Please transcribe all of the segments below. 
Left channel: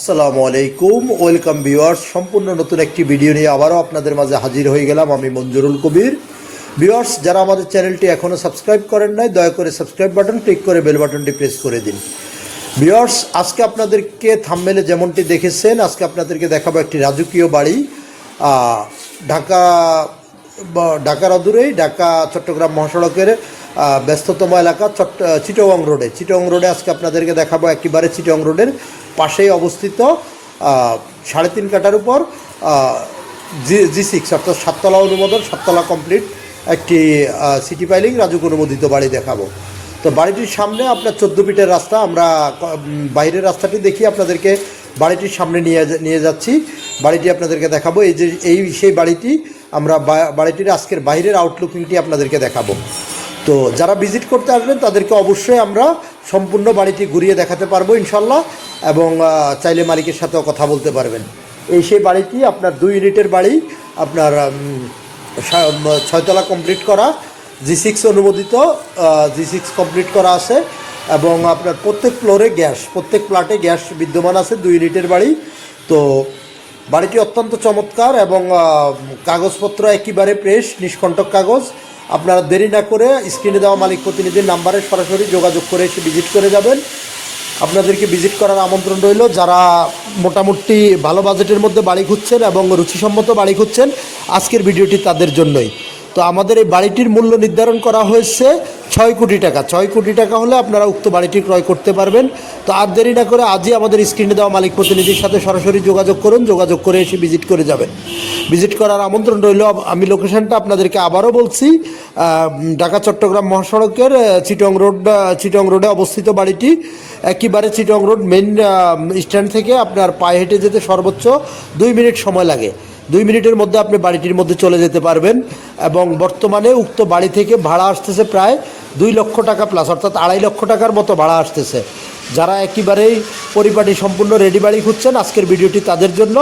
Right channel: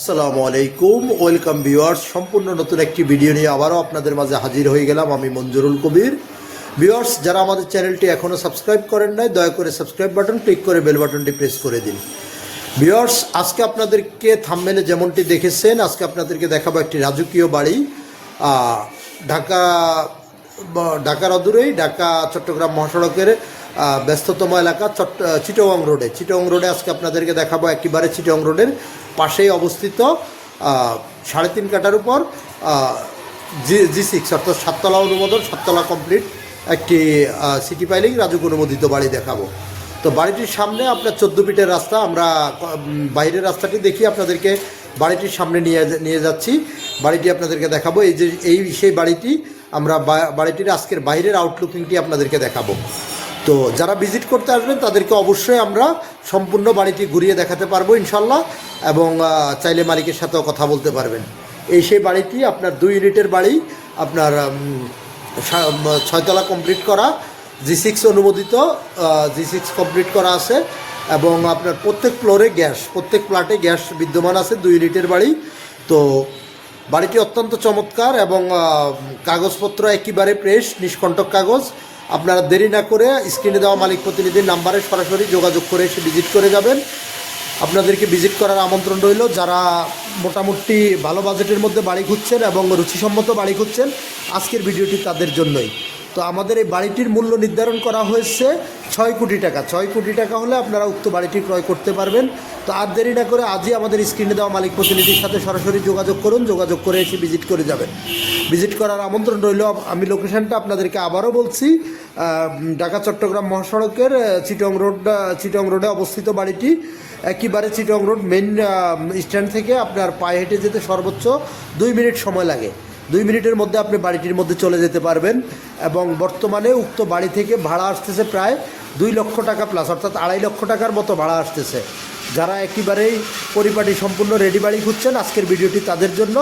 আসসালামু আলাইকুম, welcome viewers. সম্পূর্ণ নতুন একটি ভিডিও নিয়ে আবারও আপনাদের মাঝে হাজির হয়ে গেলাম। আমি মঞ্জুরুল কবির। ভিউয়ার্স, যারা আমাদের চ্যানেলটি এখনও সাবস্ক্রাইব করেন নাই, দয়া করে সাবস্ক্রাইব বাটন ক্লিক করে বেল বাটনটি প্রেস করে দিন। ভিউয়ার্স, আজকে আপনাদেরকে থাম্বনেলে যেমনটি দেখেছেন, আজকে আপনাদেরকে দেখাবো একটি রাজকীয় বাড়ি ঢাকার অদূরেই, ঢাকা চট্টগ্রাম মহাসড়কের ব্যস্ততম এলাকা চিটাগং রোডে আজকে আপনাদেরকে দেখাবো। একেবারে চিটাগং রোডের পাশেই অবস্থিত 3.5 কাঠার উপর G6 অর্থাৎ 7তলা অনুমোদন, 7তলা কমপ্লিট একটি সিটি পাইলিং রাজুক অনুমোদিত বাড়ি দেখাবো। তো বাড়িটির সামনে আপনার 14 ফিটের রাস্তা। আমরা বাইরের রাস্তাটি দেখি আপনাদেরকে বাড়িটির সামনে নিয়ে যাচ্ছি। বাড়িটি আপনাদেরকে দেখাবো। সেই বাড়িটি আমরা বাড়িটির আজকের বাইরের আউটলুকিংটি আপনাদেরকে দেখাবো। তো যারা ভিজিট করতে আসবেন তাদেরকে অবশ্যই আমরা সম্পূর্ণ বাড়িটি ঘুরিয়ে দেখাতে পারবো ইনশাল্লাহ, এবং চাইলে মালিকের সাথেও কথা বলতে পারবেন। সেই বাড়িটি আপনার 2 ইউনিটের বাড়ি, আপনার 6তলা কমপ্লিট করা, G6 অনুমোদিত, G6 কমপ্লিট করা আছে, এবং আপনার প্রত্যেক ফ্ল্যাটে গ্যাস বিদ্যমান আছে। 2 ইউনিটের বাড়ি। তো বাড়িটি অত্যন্ত চমৎকার এবং কাগজপত্র একেবারে ফ্রেশ, নিষ্কণ্টক কাগজ। আপনারা দেরি না করে স্ক্রিনে দেওয়া মালিক প্রতিনিধির নাম্বারে সরাসরি যোগাযোগ করে এসে ভিজিট করে যাবেন। আপনাদেরকে ভিজিট করার আমন্ত্রণ রইল। যারা মোটামুটি ভালো বাজেটের মধ্যে বাড়ি খুঁজছেন এবং রুচিসম্মত বাড়ি খুঁজছেন, আজকের ভিডিওটি তাদের জন্যই। তো আমাদের এই বাড়িটির মূল্য নির্ধারণ করা হয়েছে 6 কোটি টাকা। 6 কোটি টাকা হলে আপনারা উক্ত বাড়িটি ক্রয় করতে পারবেন। তো আর দেরি না করে আজই আমাদের স্ক্রিনে দেওয়া মালিক প্রতিনিধির সাথে সরাসরি যোগাযোগ করুন, যোগাযোগ করে এসে ভিজিট করে যাবেন। ভিজিট করার আমন্ত্রণ রইল। আমি লোকেশনটা আপনাদেরকে আবারও বলছি, ঢাকা চট্টগ্রাম মহাসড়কের চিটাগং রোডে অবস্থিত বাড়িটি। একেবারে চিটাগং রোড মেইন স্ট্যান্ড থেকে আপনার পায়ে হেঁটে যেতে সর্বোচ্চ 2 মিনিট সময় লাগে। 2 মিনিটের মধ্যে আপনি বাড়িটির মধ্যে চলে যেতে পারবেন। এবং বর্তমানে উক্ত বাড়ি থেকে ভাড়া আসতেছে প্রায় 2 লক্ষ টাকা প্লাস, অর্থাৎ 2.5 লক্ষ টাকার মতো ভাড়া আসতেছে। যারা একেবারেই পরিপাটি সম্পূর্ণ রেডি বাড়ি খুঁজছেন, আজকের ভিডিওটি তাদের জন্য।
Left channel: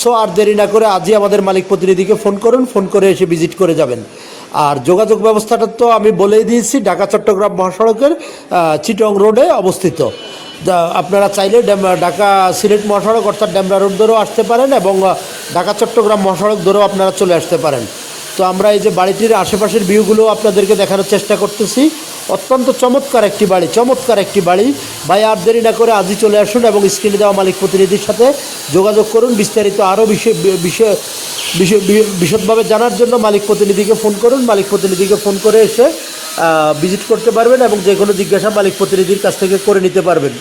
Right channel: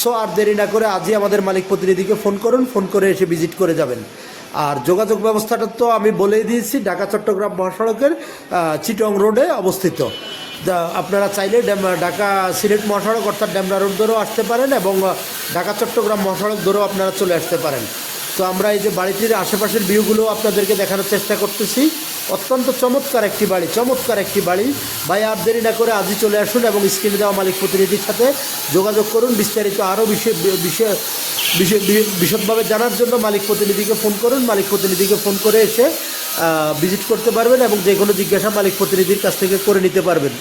সো আর দেরি না করে আজই আমাদের মালিক প্রতিনিধিকে ফোন করুন, ফোন করে এসে ভিজিট করে যাবেন। আর যোগাযোগ ব্যবস্থাটা তো আমি বলেই দিয়েছি, ঢাকা চট্টগ্রাম মহাসড়কের চিটাগং রোডে অবস্থিত। আপনারা চাইলে ঢাকা সিলেট মহাসড়ক অর্থাৎ ডেমরা রোড ধরেও আসতে পারেন, এবং ঢাকা চট্টগ্রাম মহাসড়ক ধরেও আপনারা চলে আসতে পারেন। তো আমরা এই যে বাড়িটির আশেপাশের ভিউগুলো আপনাদেরকে দেখানোর চেষ্টা করতেছি। অত্যন্ত চমৎকার একটি বাড়ি। ভাই আর দেরি না করে আজই চলে আসুন এবং স্ক্রিনে দেওয়া মালিক প্রতিনিধির সাথে যোগাযোগ করুন। বিস্তারিত আরও বিশদভাবে জানার জন্য মালিক প্রতিনিধিকে ফোন করুন। মালিক প্রতিনিধিকে ফোন করে এসে ভিজিট করতে পারবেন এবং যে কোনো জিজ্ঞাসা মালিক প্রতিনিধির কাছ থেকে করে নিতে পারবেন।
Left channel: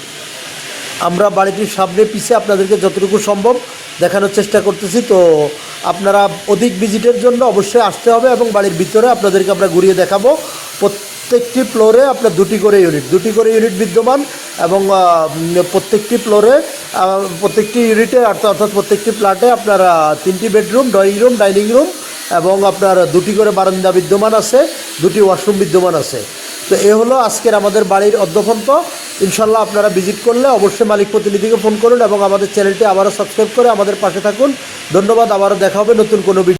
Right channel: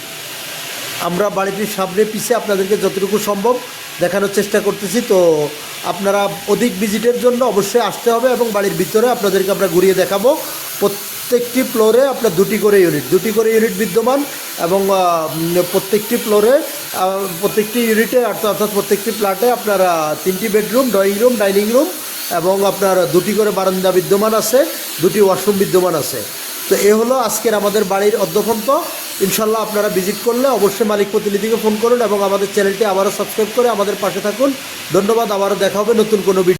আমরা বাড়িটির সামনে পিছিয়ে আপনাদেরকে যতটুকু সম্ভব দেখানোর চেষ্টা করতেছি। তো আপনারা অধিক ভিজিটের জন্য অবশ্যই আসতে হবে, এবং বাড়ির ভিতরে আপনাদেরকে আমরা ঘুরিয়ে দেখাবো। প্রত্যেকটি ফ্লোরে আপনার 2টি করে ইউনিট বিদ্যমান, এবং প্রত্যেকটি ফ্লোরে প্রত্যেকটি ইউনিটে অর্থাৎ প্রত্যেকটি ফ্ল্যাটে আপনার 3টি bedroom, drawing room, dining room, এবং আপনার 2টি করে বারান্দা বিদ্যমান আছে, 2টি ওয়াশরুম বিদ্যমান আছে। তো এ হলো আজকের আমাদের বাড়ির অদ্যপন্ত। ইনশাল্লাহ আপনারা ভিজিট করলে অবশ্যই মালিক প্রতিনিধিকে ফোন করুন এবং আমাদের চ্যানেলটি আবারও সাবস্ক্রাইব করে আমাদের পাশে থাকুন। ধন্যবাদ। আবারও দেখা হবে নতুন কোনো ভিডিও।